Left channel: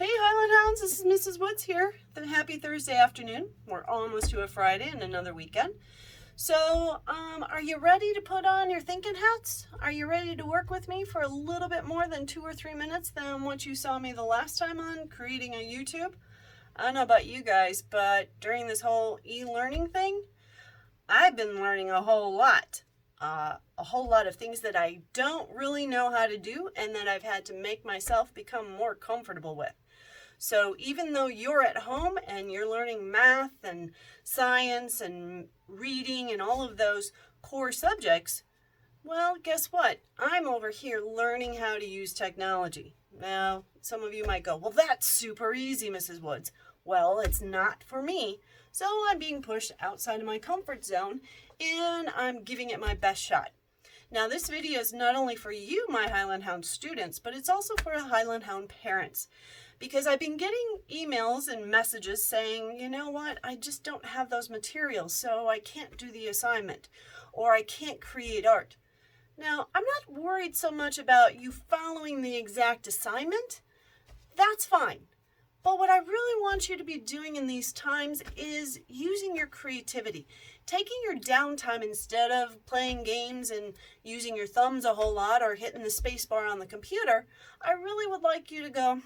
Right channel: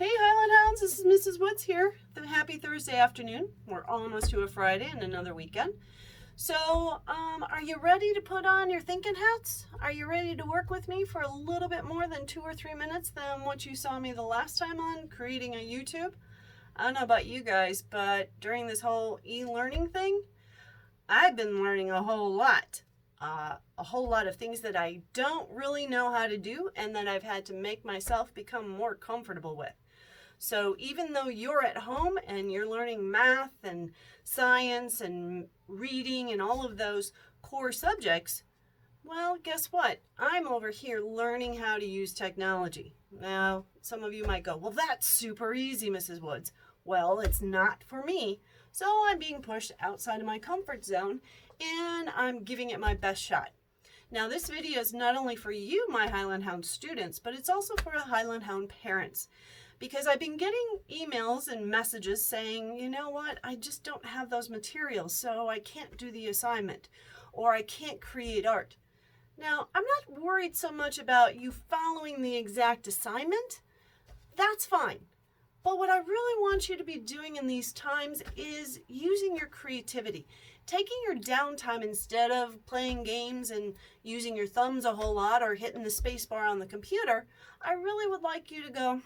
Hey Highland Hounds, this is Mrs. Woods here. Happy Thursday afternoon. We're almost to a Friday and another weekend. So, are you ready to put on your thinking hats? Are you ready to work with me for a little bit more than 2 or 3 minutes than what you saw me the last time on creating a YouTube? I don't know about you guys, but during this whole e-learning thing, I've been learning a whole lot. A whole lot of things that I don't really know how to do and that I've had to make myself become more comfortable with. So even though you're at home and you're learning math and science and reading and all of those core subjects, well, guess what? I'm over here learning how to use technology. Now, some of you might go, well, that's super easy, Mrs. Woods. Well, it's not for me. So I'm being pushed outside of my comfort zone and I'm giving it my best shot. Now, this video is not only for you, my Highland Hound students, but it's also for Highland Hound parents. Because I've been getting emails and messages saying, you know what, I just don't have those materials, so I can't do the assignment, or I can't create art. Now, I'm not worried so much about you following the exact assignment. That's fine. But what I really want you to be doing in these times is using your creativity. Taking your downtime instead of playing games and using your thumbs a whole lot or hitting the space bar on the computer, I really would like you to go,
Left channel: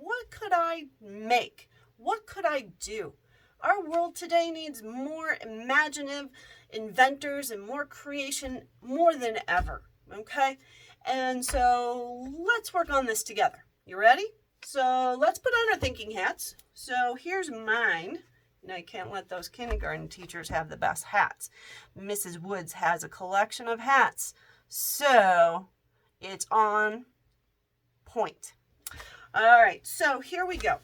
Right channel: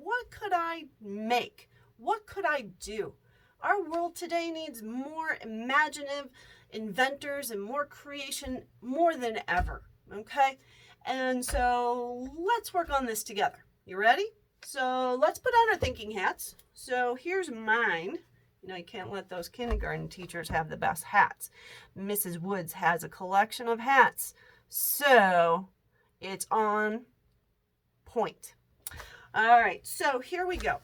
what could I make? What could I do? Our world today needs more imaginative inventors and more creation more than ever, okay? And so let's work on this together. You ready? So let's put on our thinking hats. So here's mine. Now, you can't let those kindergarten teachers have the best hats. Mrs. Woods has a collection of hats, so it's on point. All right, so here we go.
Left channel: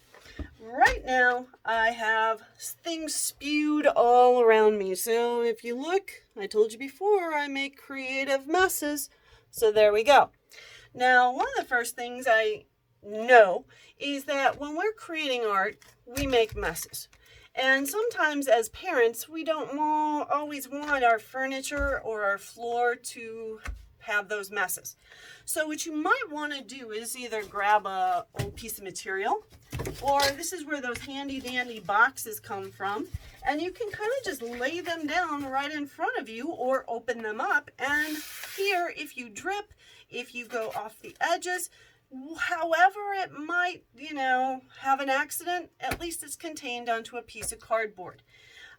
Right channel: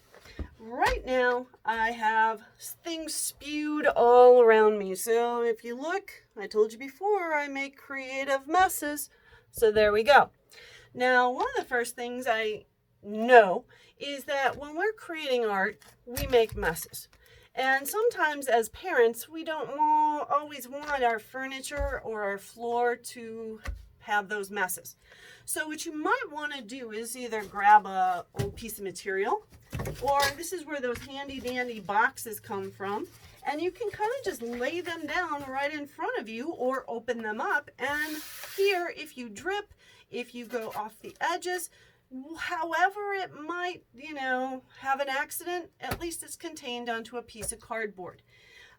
Right now, I have things spewed all around me. So if you look, I told you before, I make creative messes. So there we go. Now, one of the first things I know is that when we're creating art, we make messes. And sometimes as parents, we don't always want our furniture or our floor to have those messes. So what you might want to do is either grab a old piece of material, or this is where those handy dandy boxes come from, and you can kind of just lay them down right in front of you or open them up. And here, if you drip, if you go off the edges, however it might, have an accident, at least it's contained onto a piece of cardboard.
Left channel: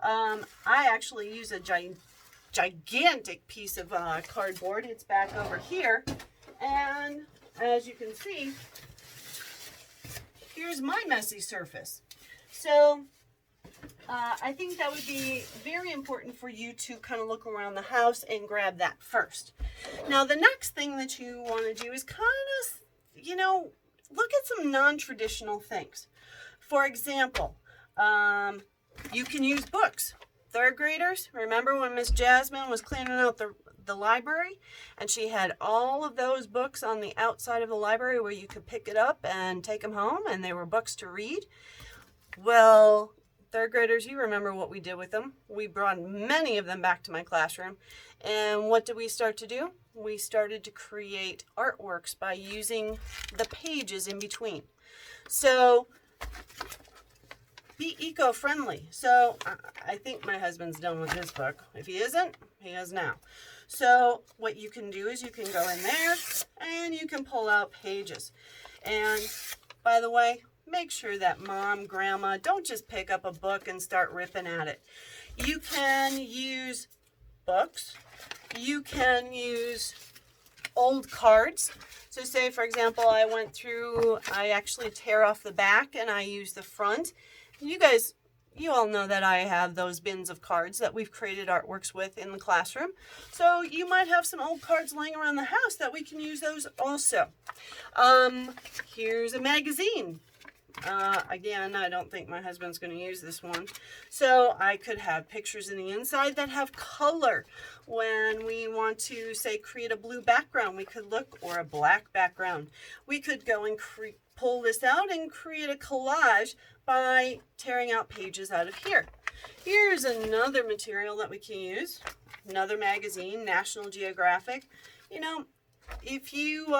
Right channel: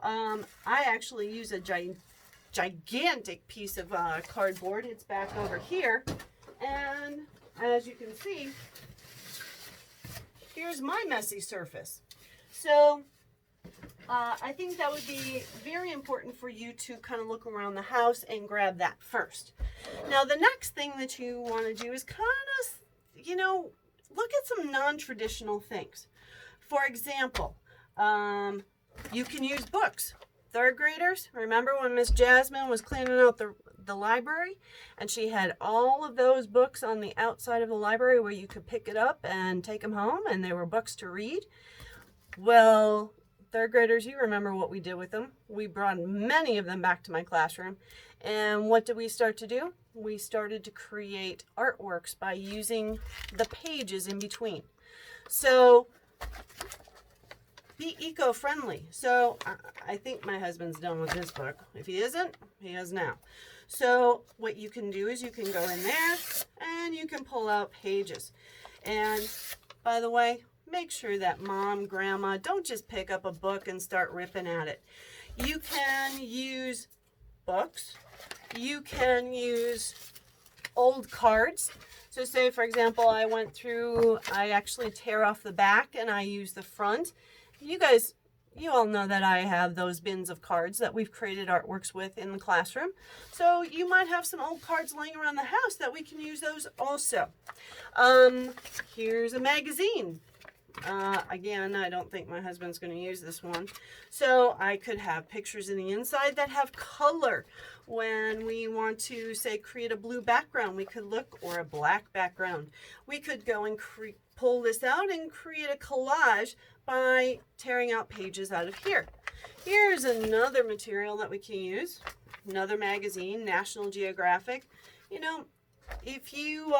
I actually use a gigantic piece of cardboard. It's back over here. And as you can see, here's my messy surface. So I think that would be very important for you to kind of look around the house and grab that first. Now, the next thing that you want to do is kind of look at some non-traditional things. For example, you can use books. Third graders, remember when Miss Jasmine was cleaning out the library and she had all of those books on the outside of the library where you could pick it up and take them home and they were books to read? Well, third graders, you remember what we did with them. We brought many of them back to my classroom. And what did we start to do? We started to create artworks by using the pages in between. So be eco-friendly. So I think my husband's done with his book. If he isn't, he is now. So what you can do is you can go in there and you can pull out pages. And by the way, make sure that mom, grandma, don't just pick up a book and start ripping at it. You can use books. You can use old cards. So say, for example, I actually tear off the back and I use the front. You all know that I have those bins of cards that we've created artworks with in the classroom. So you might have some old cards laying around the house that we can use those also. Here's a magazine. Again, I don't think my husband's going to use this one. So I could have pictures in the inside that have color. When we want to, say, create a blue background, we could look, or a black background. We could go and pull this out and create a collage by tearing out pages out of here. Here's another material that we can use. Another magazine, National Geographic. If you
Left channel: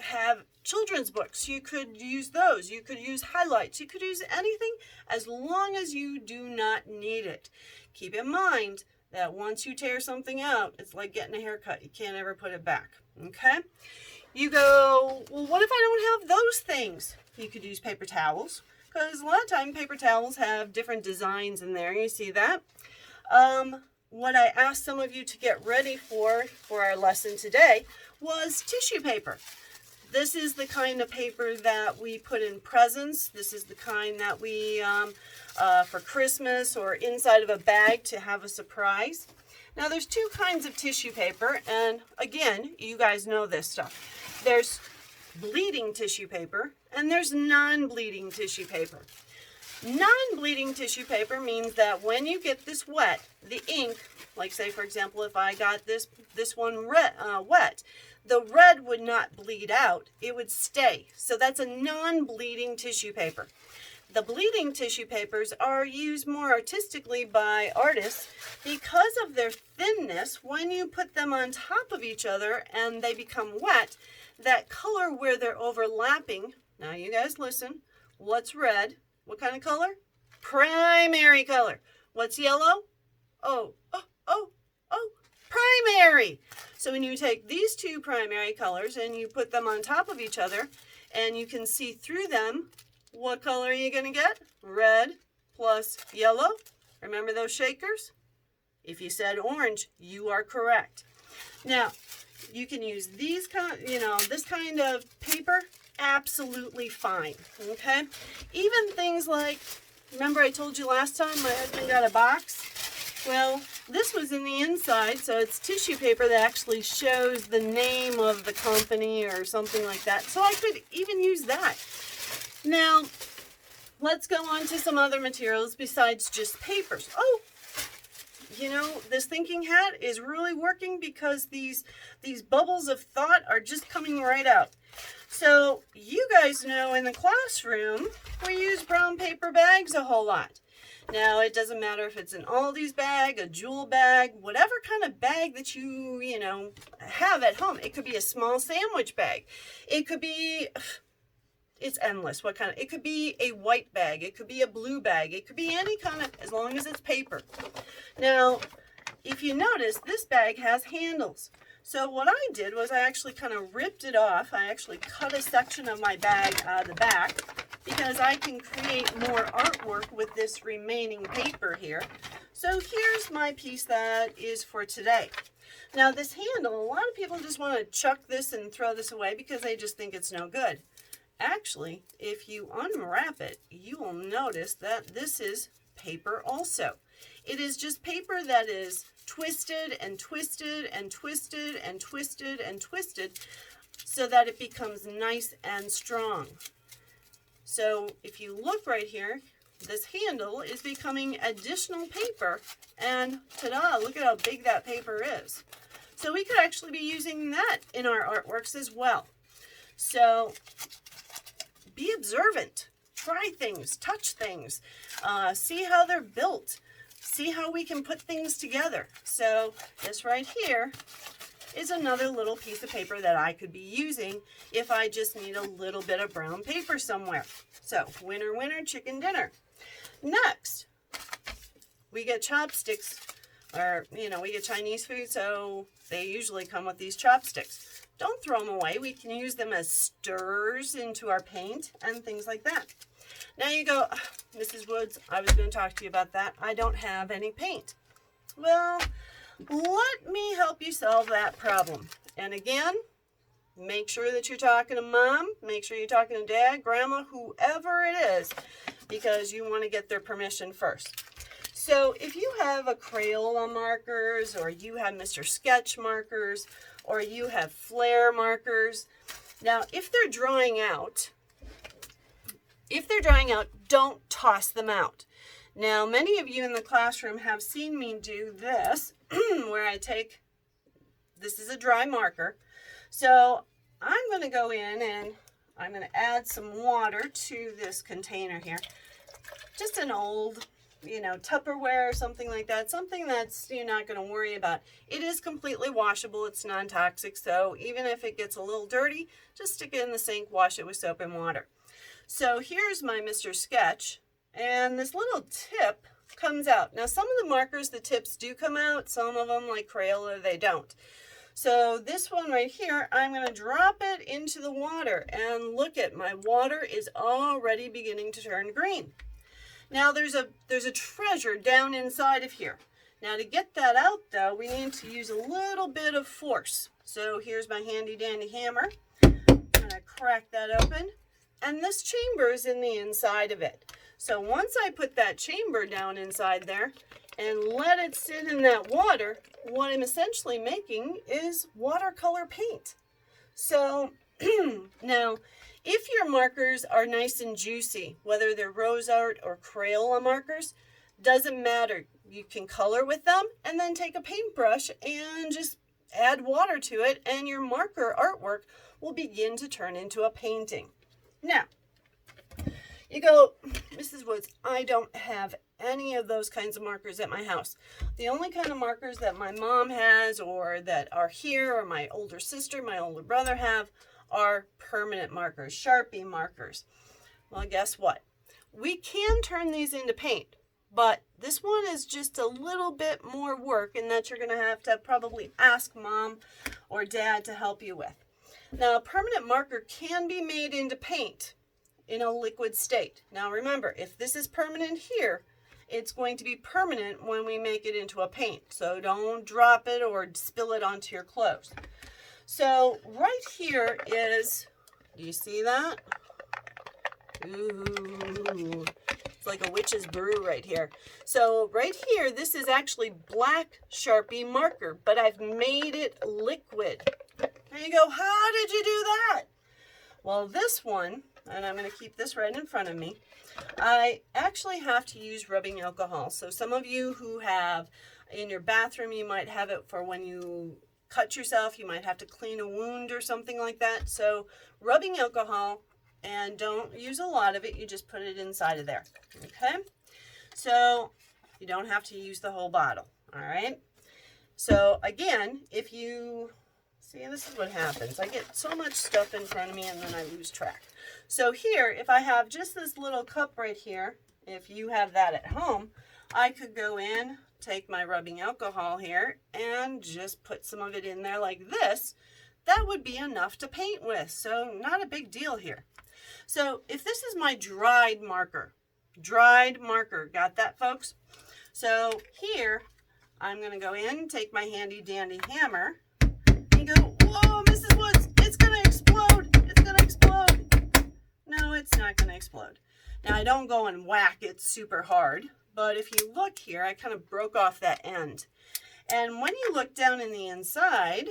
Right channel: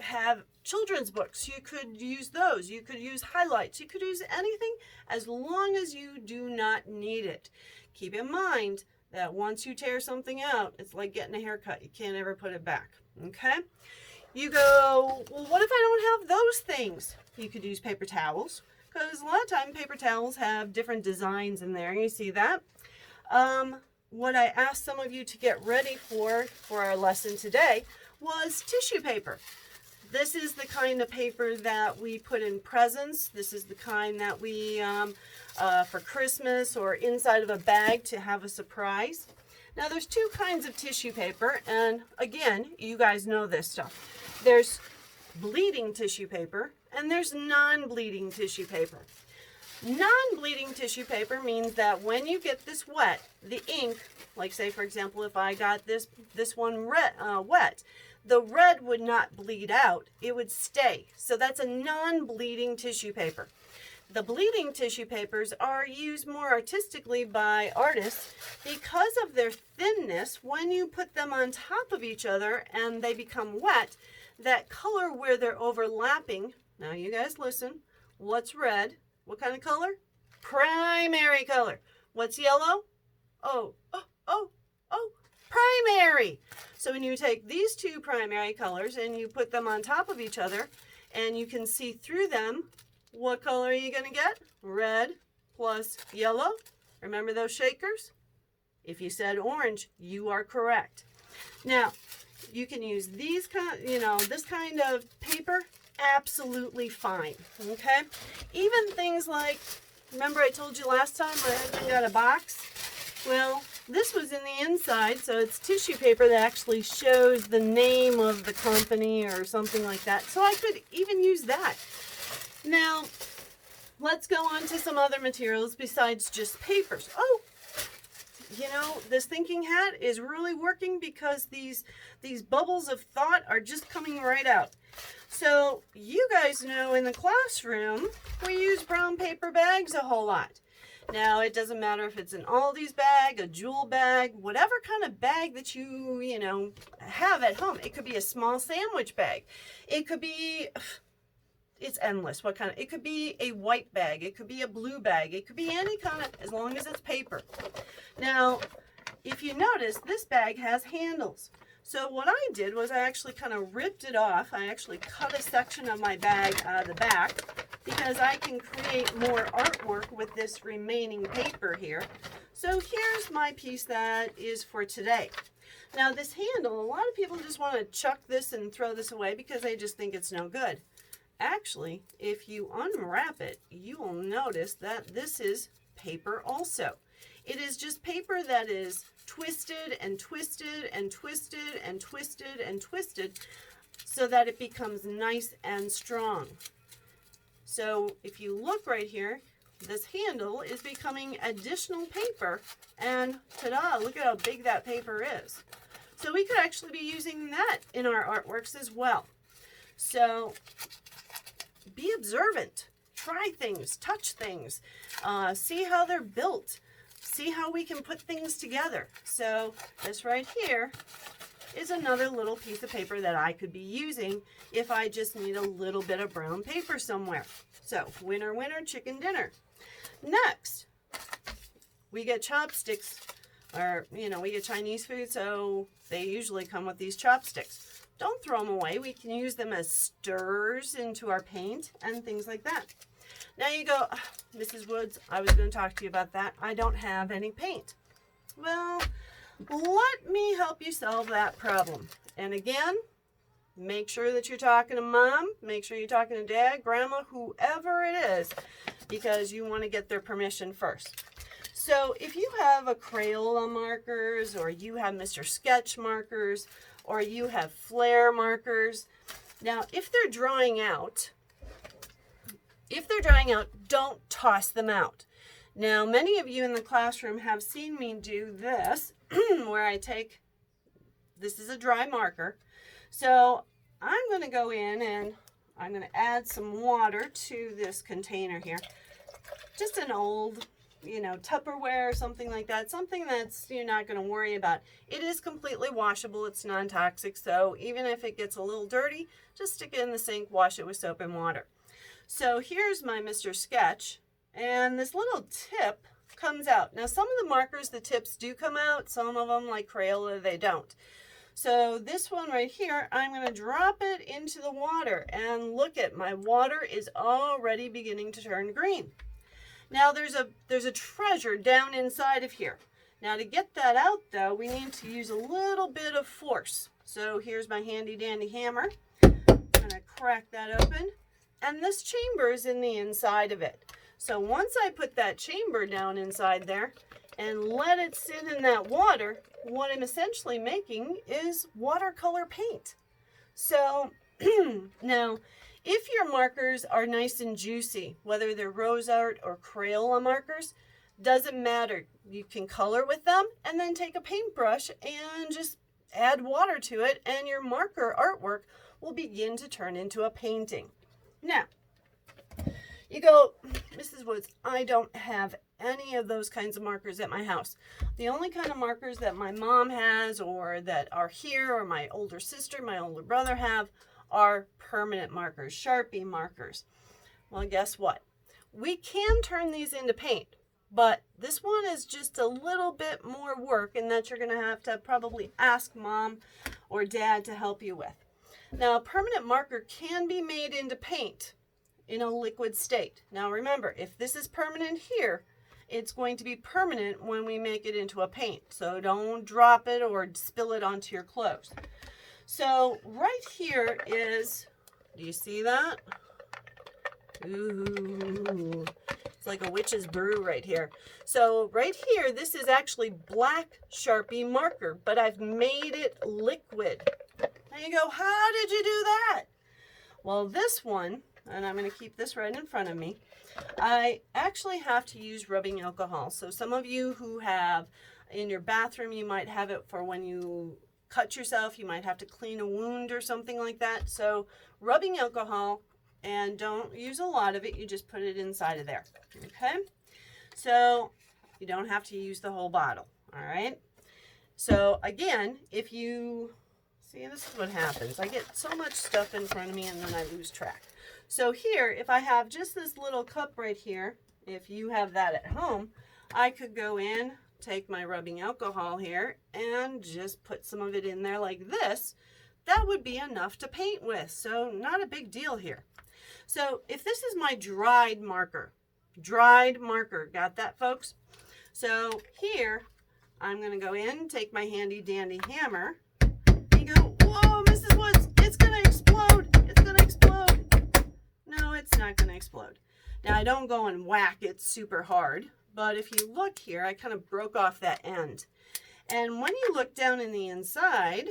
have children's books. You could use those. You could use highlights. You could use anything as long as you do not need it. Keep in mind that once you tear something out, it's like getting a haircut. You can't ever put it back, okay? You go, well, what if I don't have those things? You could use paper towels, because a lot of time paper towels have different designs in there. You see that? What I asked some of you to get ready for our lesson today was tissue paper. This is the kind of paper that we put in presents. This is the kind that we, for Christmas or inside of a bag to have a surprise. Now there's two kinds of tissue paper, and again, you guys know this stuff. There's bleeding tissue paper and there's non-bleeding tissue paper. Non-bleeding tissue paper means that when you get this wet, the ink, like say for example if I got this one wet, the red would not bleed out, it would stay. So that's a non-bleeding tissue paper. The bleeding tissue papers are used more artistically by artists because of their thinness. When you put them on top of each other and they become wet, that color where they're overlapping, now you guys listen, what's red? What kind of color? Primary color. What's yellow? Oh, primary. So when you take these two primary colors and you put them on top of each other and you can see through them, what color are you going to get? Red plus yellow. Remember those shakers? If you said orange, you are correct. Now, you can use these this kind of paper absolutely fine, okay? Even things like, remember I told you last time my husband got a box? Well, this was in the inside, so it's tissue paper that actually shows the name of the company or something like that. So I could even use that. Now, let's go on to some other materials besides just papers. Oh, you know, this thinking hat is really working because these bubbles of thought are just coming right out. So you guys know in the classroom, we use brown paper bags a whole lot. Now, it doesn't matter if it's an Aldi's bag, a Jewel bag, whatever kind of bag that you know, have at home. It could be a small sandwich bag. It could be, it's endless. What kind of, it could be a white bag. It could be a blue bag. It could be any kind of, as long as it's paper. Now, if you notice, this bag has handles. So what I did was I actually kind of ripped it off. I actually cut a section of my bag out of the back because I can create more artwork with this remaining paper here. So here's my piece that is for today. Now this handle, a lot of people just want to chuck this and throw this away because they just think it's no good. Actually, if you unwrap it, you will notice that this is paper also. It is just paper that is twisted and twisted and twisted and twisted and twisted so that it becomes nice and strong. So if you look right here, this handle is becoming additional paper, and ta-da, look at how big that paper is. So we could actually be using that in our artworks as well. So be observant, try things, touch things, see how they're built. See how we can put things together. So this right here is another little piece of paper that I could be using if I just need a little bit of brown paper somewhere. So winner, winner, chicken dinner. Next, we get chopsticks, or we get Chinese food, so they usually come with these chopsticks. Don't throw them away. We can use them as stirrers into our paint and things like that. Now you go, Mrs. Woods, I was going to talk to you about that. I don't have any paint. Well, let me help you solve that problem. And again, make sure that you're talking to Mom, make sure you're talking to Dad, Grandma, whoever it is, because you want to get their permission first. So if you have a Crayola markers, or you have Mr. Sketch markers, or you have Flair markers, now if they're drying out, don't toss them out. Now, many of you in the classroom have seen me do this, where I take, this is a dry marker. So I'm going to go in and I'm going to add some water to this container here. Just an old Tupperware or something like that, something that's you're not going to worry about. It is completely washable. It's non-toxic, so even if it gets a little dirty, just stick it in the sink, wash it with soap and water. So here's my Mr. Sketch, and this little tip comes out. Now, some of the markers, the tips do come out. Some of them, like Crayola, they don't. So this one right here, I'm going to drop it into the water, and look at my water is already beginning to turn green. Now there's a treasure down inside of here. Now to get that out though, we need to use a little bit of force. So here's my handy dandy hammer. I'm gonna crack that open. And this chamber is in the inside of it. So once I put that chamber down inside there and let it sit in that water, what I'm essentially making is watercolor paint. So now, if your markers are nice and juicy, whether they're Rose Art or Crayola markers, doesn't matter. You can color with them and then take a paintbrush and just add water to it, and your marker artwork will begin to turn into a painting. Now, you go, Mrs. Woods, I don't have any of those kinds of markers at my house. The only kind of markers that my mom has, or that are here, or my older sister, my older brother have, are permanent markers, Sharpie markers. Well, guess what? We can turn these into paint, but this one is just a little bit more work, and that you're going to have to probably ask mom or dad to help you with. Now, a permanent marker can be made into paint in a liquid state. Now remember, if this is permanent here, it's going to be permanent when we make it into a paint. So don't drop it or spill it onto your clothes. So right here is, do you see that? Ooh, it's like a witch's brew right here. So right here, this is actually black Sharpie marker, but I've made it liquid. And you go, how did you do that? Well, this one, and I'm going to keep this right in front of me, I actually have to use rubbing alcohol. So some of you who have in your bathroom, you might have it for when you cut yourself, you might have to clean a wound or something like that. So rubbing alcohol, and don't use a lot of it, you just put it inside of there, okay? So you don't have to use the whole bottle, all right? So again, if you, see, this is what happens. I get so much stuff in front of me and then I lose track. So here, if I have just this little cup right here, if you have that at home, I could go in, take my rubbing alcohol here, and just put some of it in there like this. That would be enough to paint with, so not a big deal here. So if this is my dried marker, got that, folks? So here, I'm going to go in, take my handy dandy hammer, and go, whoa, Mrs. Woods, it's going to explode. It's going to explode. No, it's not going to explode. Now, I don't go and whack it super hard, but if you look here, I kind of broke off that end. And when you look down in the inside,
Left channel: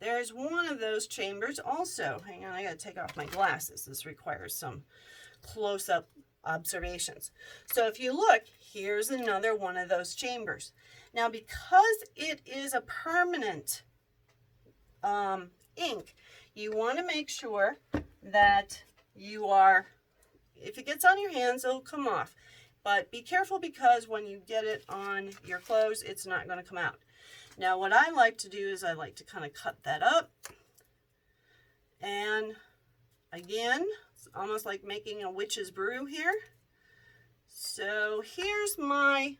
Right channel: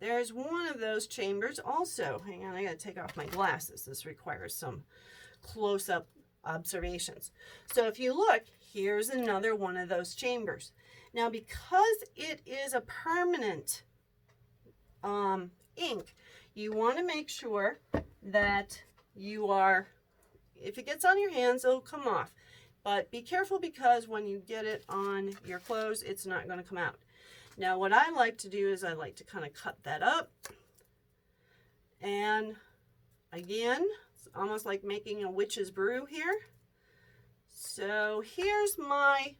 there's one of those chambers also. Hang on, I gotta take off my glasses. This requires some close-up observations. So if you look, here's another one of those chambers. Now, because it is a permanent ink, you want to make sure that you are, if it gets on your hands, it'll come off. But be careful, because when you get it on your clothes, it's not going to come out. Now, what I like to do is I like to kind of cut that up. And again, it's almost like making a witch's brew here. So here's my,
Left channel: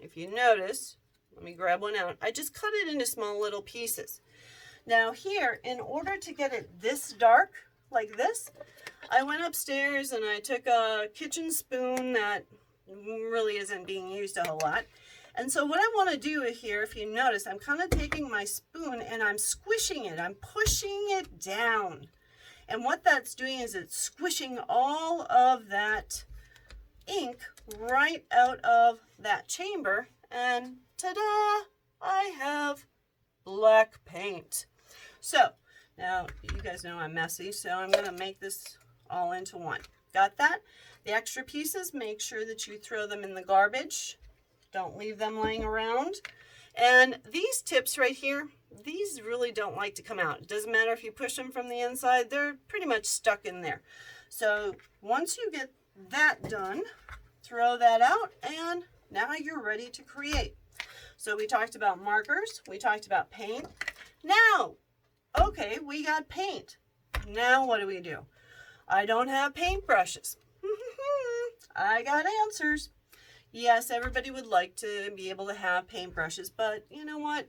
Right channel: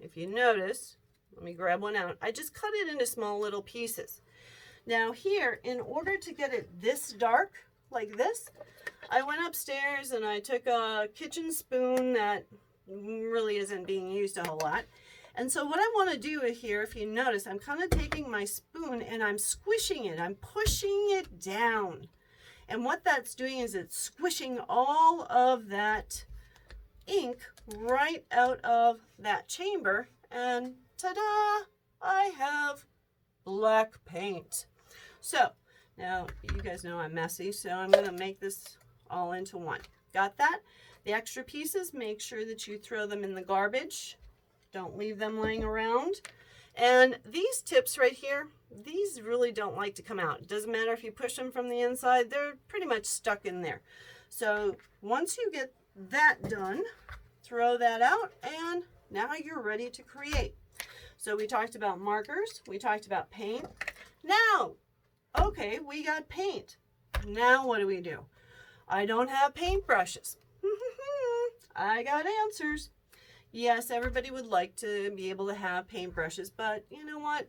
if you notice, let me grab one out. I just cut it into small little pieces. Now here, in order to get it this dark, like this, I went upstairs and I took a kitchen spoon that really isn't being used a whole lot. And so what I want to do here, if you notice, I'm kind of taking my spoon and I'm squishing it. I'm pushing it down. And what that's doing is it's squishing all of that ink right out of that chamber. And ta-da! I have black paint. So now you guys know I'm messy, so I'm going to make this all into one. Got that? The extra pieces, make sure that you throw them in the garbage. Don't leave them laying around. And these tips right here, these really don't like to come out. It doesn't matter if you push them from the inside, they're pretty much stuck in there. So once you get that done, throw that out, and now you're ready to create. So we talked about markers, we talked about paint. Now, okay, we got paint. Now what do? I don't have paintbrushes. I got answers. Yes, everybody would like to be able to have paintbrushes, but you know what?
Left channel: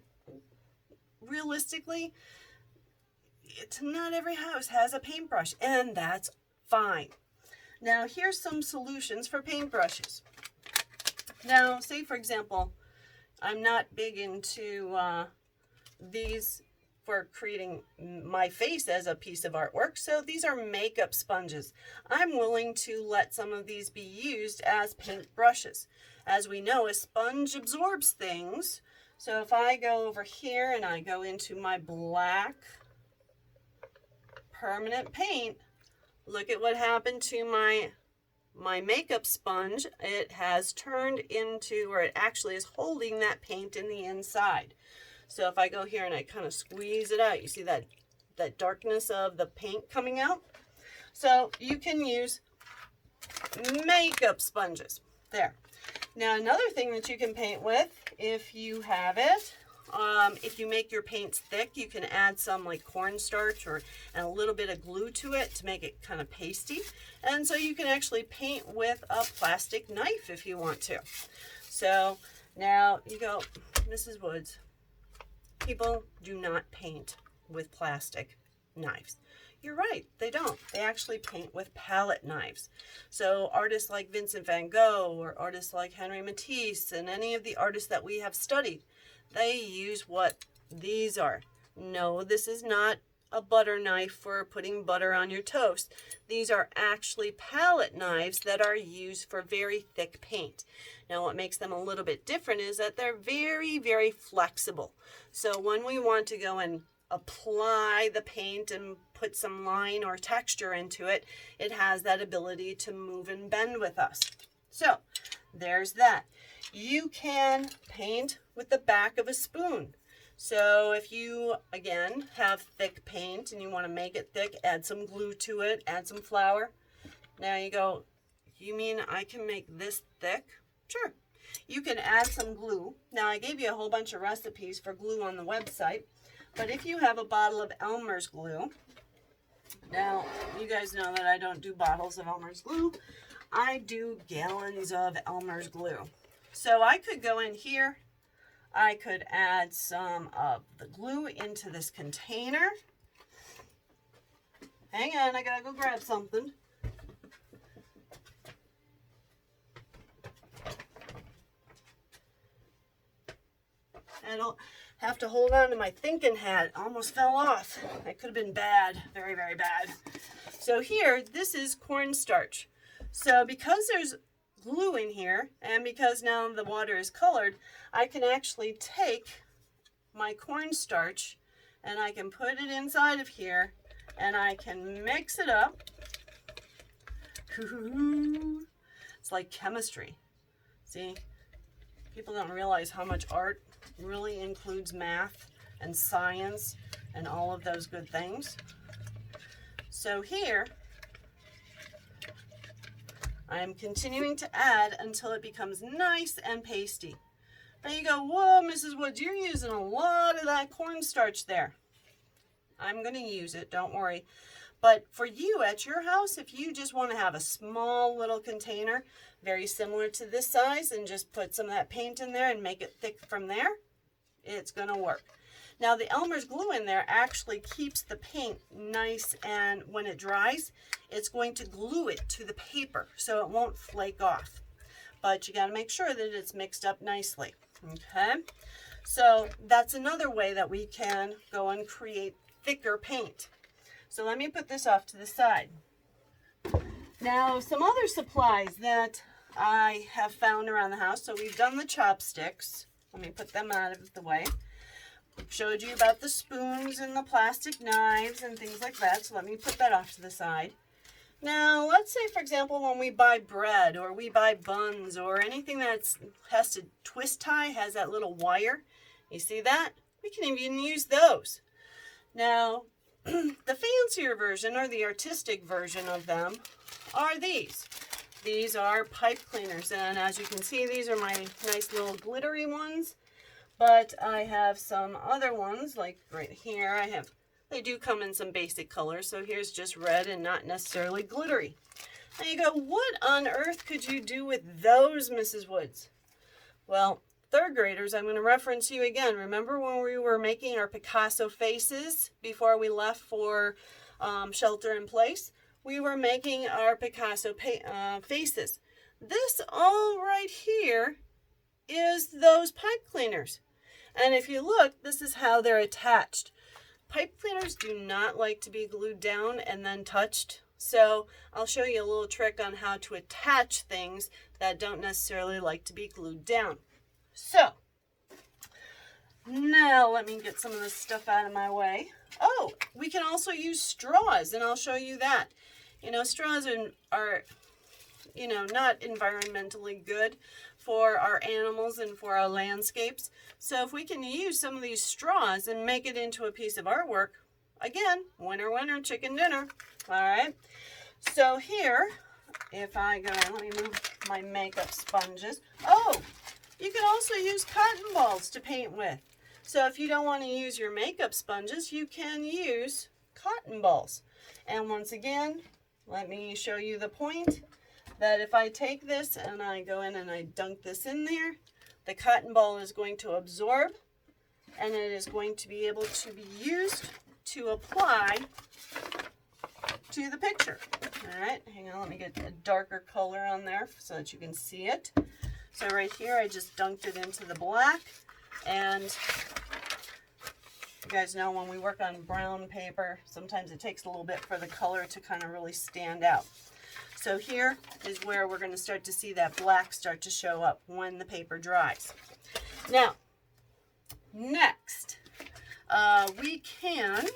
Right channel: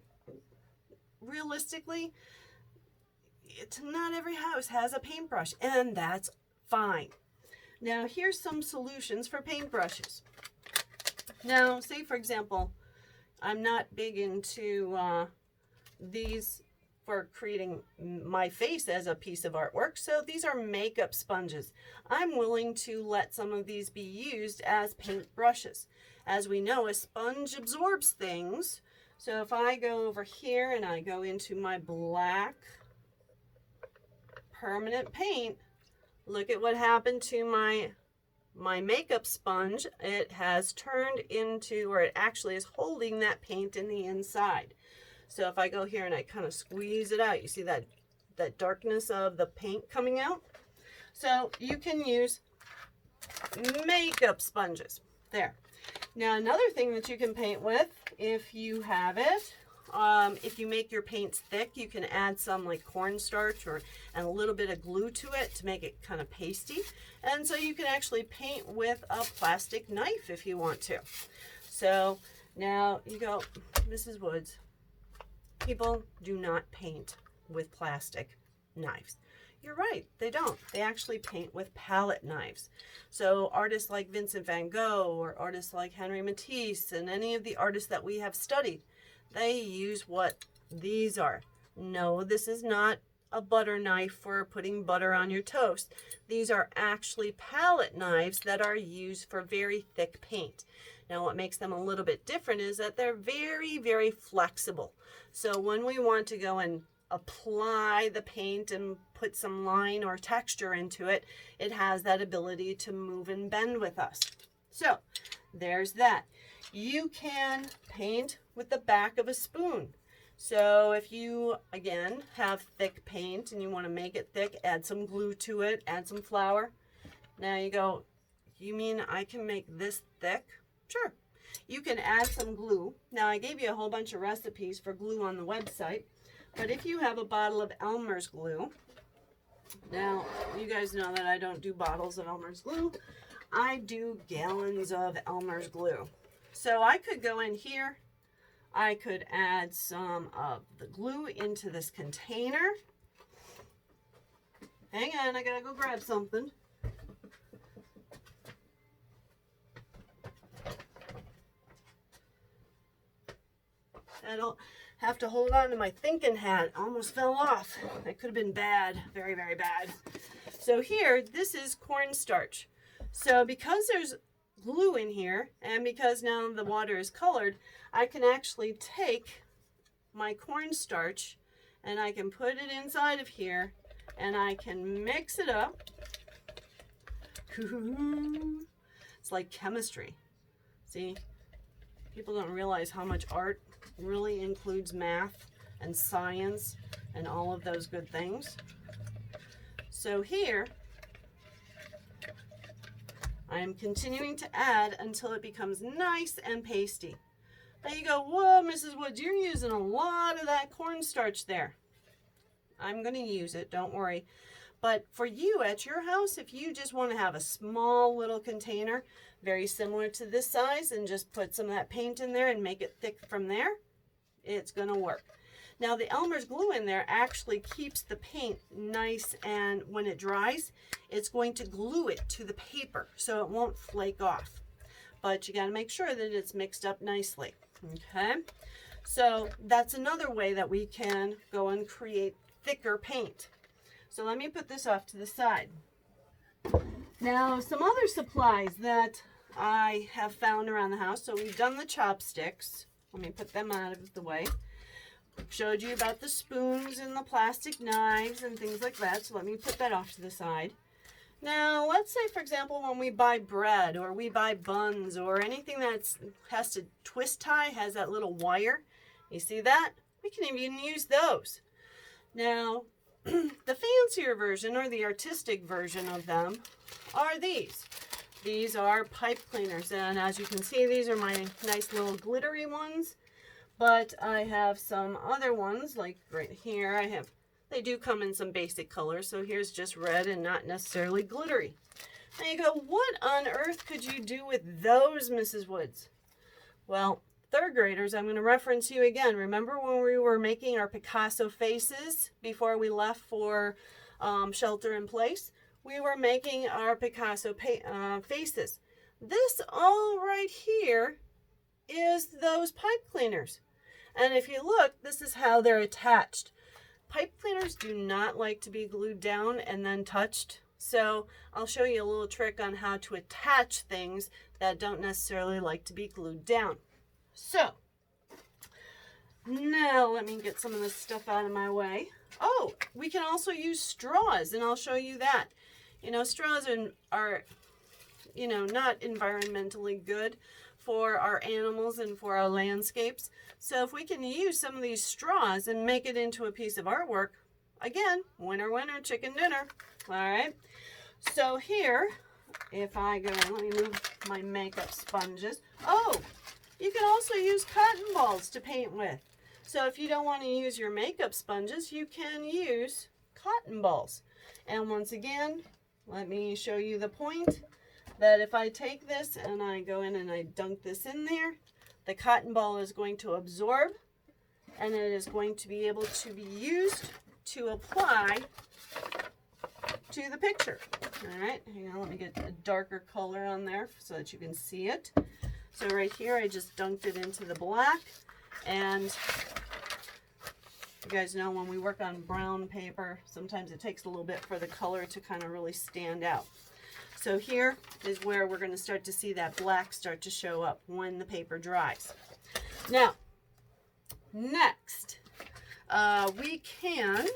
Realistically, not every house has a paintbrush, and that's fine. Now, here's some solutions for paintbrushes. Now, say for example, I'm not big into these for creating my face as a piece of artwork, so these are makeup sponges. I'm willing to let some of these be used as paint brushes. As we know, a sponge absorbs things, so if I go over here and I go into my black permanent paint, look at what happened to my makeup sponge. It has turned into, or it actually is holding that paint in the inside. So if I go here and I kind of squeeze it out, you see that darkness of the paint coming out? So you can use makeup sponges. There. Now another thing that you can paint with, if you have it, if you make your paints thick, you can add some like cornstarch and a little bit of glue to it to make it kind of pasty. And so you can actually paint with a plastic knife if you want to. So now you go, Mrs. Woods, people do not paint with plastic knives. You're right, they don't. They actually paint with palette knives. So artists like Vincent van Gogh or artists like Henri Matisse and any of the artists that we have studied, they use what these are. No, this is not a butter knife for putting butter on your toast. These are actually palette knives that are used for very thick paint. Now what makes them a little bit different is that they're very, very flexible. So when we want to go and apply the paint and put some line or texture into it, it has that ability to move and bend with us. So there's that. You can paint with the back of a spoon. So if you, again, have thick paint and you want to make it thick, add some glue to it, add some flour. Now you go, you mean I can make this thick? Sure. You can add some glue. Now I gave you a whole bunch of recipes for glue on the website, but if you have a bottle of Elmer's glue, now you guys know that I don't do bottles of Elmer's glue. I do gallons of Elmer's glue. So I could go in here, I could add some of the glue into this container. Hang on, I gotta go grab something. I don't have to hold on to my thinking hat. Almost fell off. That could have been bad, very, very bad. So here, this is cornstarch. So because there's glue in here, and because now the water is colored, I can actually take my cornstarch and I can put it inside of here and I can mix it up. It's like chemistry. See, people don't realize how much art really includes math and science and all of those good things. So here, I am continuing to add until it becomes nice and pasty. Now you go, whoa, Mrs. Woods, you're using a lot of that cornstarch there. I'm going to use it, don't worry. But for you at your house, if you just want to have a small little container, very similar to this size, and just put some of that paint in there and make it thick from there, it's going to work. Now the Elmer's glue in there actually keeps the paint nice, and when it dries, it's going to glue it to the paper so it won't flake off. But you got to make sure that it's mixed up nicely. Okay, so that's another way that we can go and create thicker paint. So let me put this off to the side. Now some other supplies that I have found around the house. So we've done the chopsticks. Let me put them out of the way. Showed you about the spoons and the plastic knives and things like that. So let me put that off to the side. Now, let's say, for example, when we buy bread or we buy buns or anything that has to twist tie, has that little wire. You see that? We can even use those. Now, the fancier version or the artistic version of them are these. These are pipe cleaners, and as you can see, these are my nice little glittery ones, but I have some other ones, like right here. They do come in some basic colors, so here's just red and not necessarily glittery. And you go, what on earth could you do with those, Mrs. Woods? Well, third graders, I'm going to reference you again. Remember when we were making our Picasso faces before we left for shelter in place? We were making our Picasso faces. This all right here is those pipe cleaners. And if you look, this is how they're attached. Pipe cleaners do not like to be glued down and then touched. So I'll show you a little trick on how to attach things that don't necessarily like to be glued down. So now let me get some of this stuff out of my way. Oh, we can also use straws, and I'll show you that. You know, straws are you know, not environmentally good for our animals and for our landscapes. So if we can use some of these straws and make it into a piece of artwork, again, winner, winner, chicken dinner. All right. So here, if I go, let me move my makeup sponges. Oh, you can also use cotton balls to paint with. So if you don't want to use your makeup sponges, you can use cotton balls. And once again, let me show you the point that if I take this and I go in and I dunk this in there, the cotton ball is going to absorb, and it is going to be able to be used to apply to the picture. All right, hang on, let me get a darker color on there so that you can see it. So right here, I just dunked it into the black, and you guys know when we work on brown paper, sometimes it takes a little bit for the color to kind of really stand out. So here is where we're going to start to see that black start to show up when the paper dries. Now, next, we can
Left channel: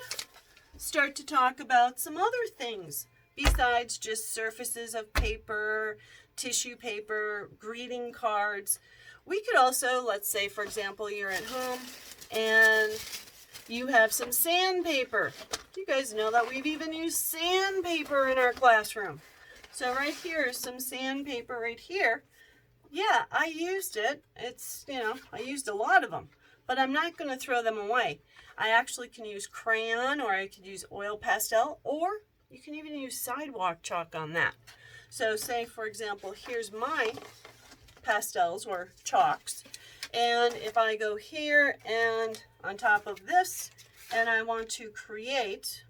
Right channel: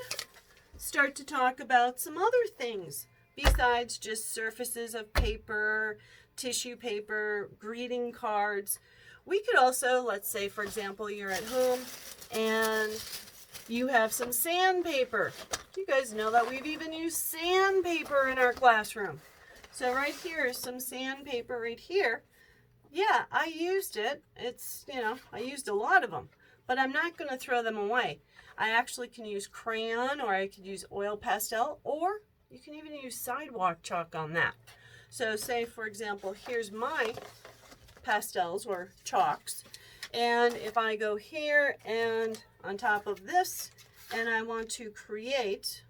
start to talk about some other things besides just surfaces of paper, tissue paper, greeting cards. We could also, let's say, for example, you're at home and you have some sandpaper. You guys know that we've even used sandpaper in our classroom. So right here is some sandpaper right here. Yeah, I used it. It's, you know, I used a lot of them, but I'm not going to throw them away. I actually can use crayon, or I could use oil pastel, or you can even use sidewalk chalk on that. So say, for example, here's my pastels or chalks. And if I go here and on top of this, and I want to create,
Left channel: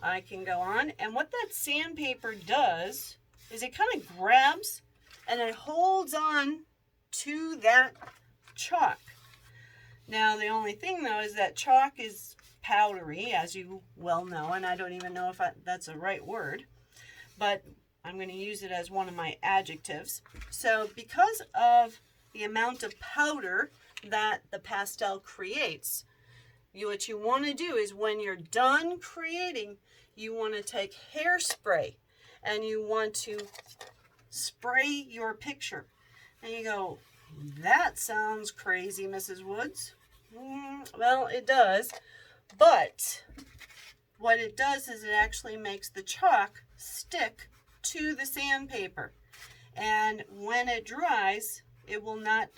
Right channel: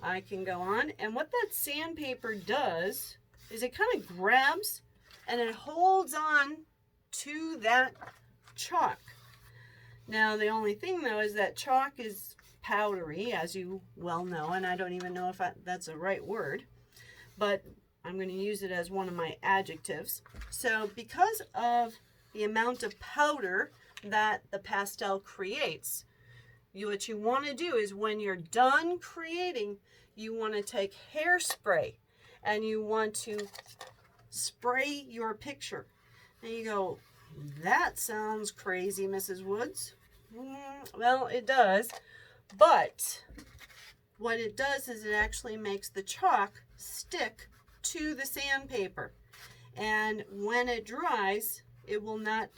I can go on, and what that sandpaper does is it kind of grabs and it holds on to that chalk. Now the only thing though is that chalk is powdery, as you well know, and I don't even know if that's a right word, but I'm going to use it as one of my adjectives. So because of the amount of powder that the pastel creates, what you want to do is when you're done creating, you want to take hairspray and you want to spray your picture. And you go, that sounds crazy, Mrs. Woods. Well, it does, but what it does is it actually makes the chalk stick to the sandpaper. And when it dries, it will not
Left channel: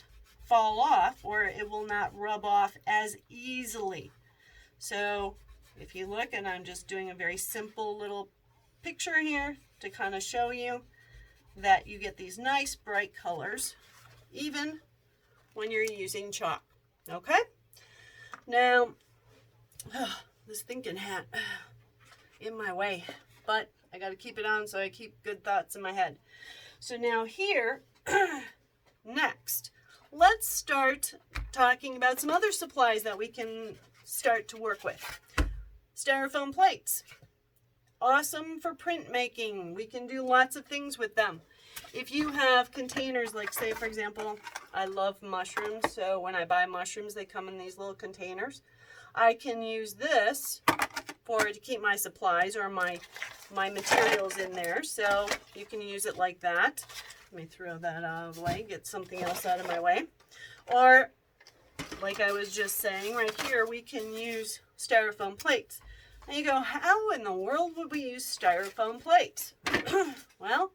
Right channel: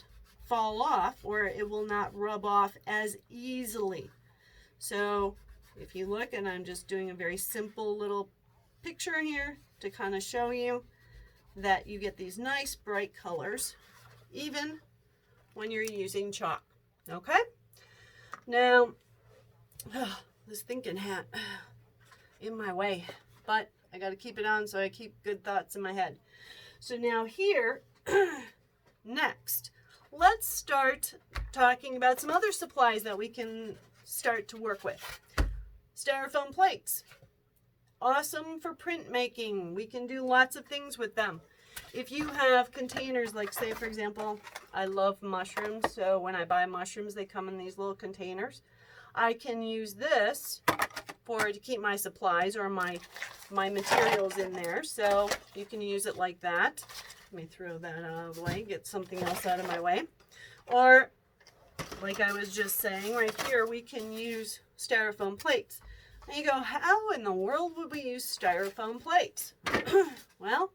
fall off, or it will not rub off as easily. So if you look, and I'm just doing a very simple little picture here to kind of show you that you get these nice bright colors even when you're using chalk. Okay? Now, this thinking hat in my way, but I got to keep it on so I keep good thoughts in my head. So now here, next, let's start talking about some other supplies that we can start to work with. Styrofoam plates. Awesome for printmaking. We can do lots of things with them. If you have containers, like say for example, I love mushrooms, so when I buy mushrooms, they come in these little containers. I can use this to keep my supplies or my materials in there, so you can use it like that. Let me throw that out of the way, get something else out of my way. Or, like I was just saying, right here, we can use styrofoam plates. And you go, how in the world would we use styrofoam plates? Well,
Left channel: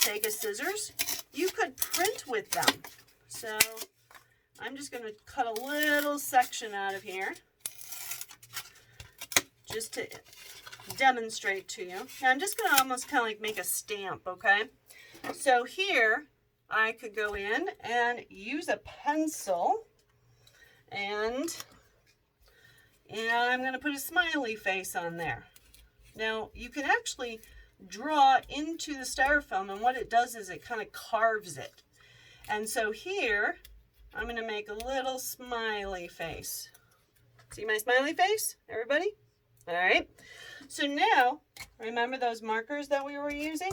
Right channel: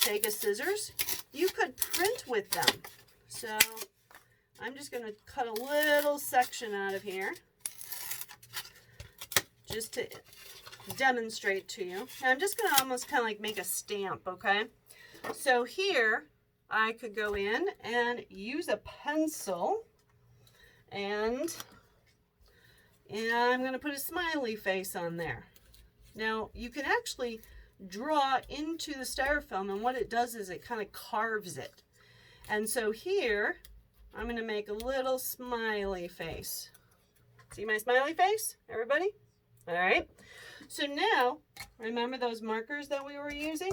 take a scissors. You could print with them. So I'm just going to cut a little section out of here just to demonstrate to you. Now I'm just going to almost kind of like make a stamp, okay? So here I could go in and use a pencil and I'm going to put a smiley face on there. Now you can actually draw into the styrofoam, and what it does is it kind of carves it. And so here I'm going to make a little smiley face. See my smiley face, everybody? All right. So now, remember those markers that we were using?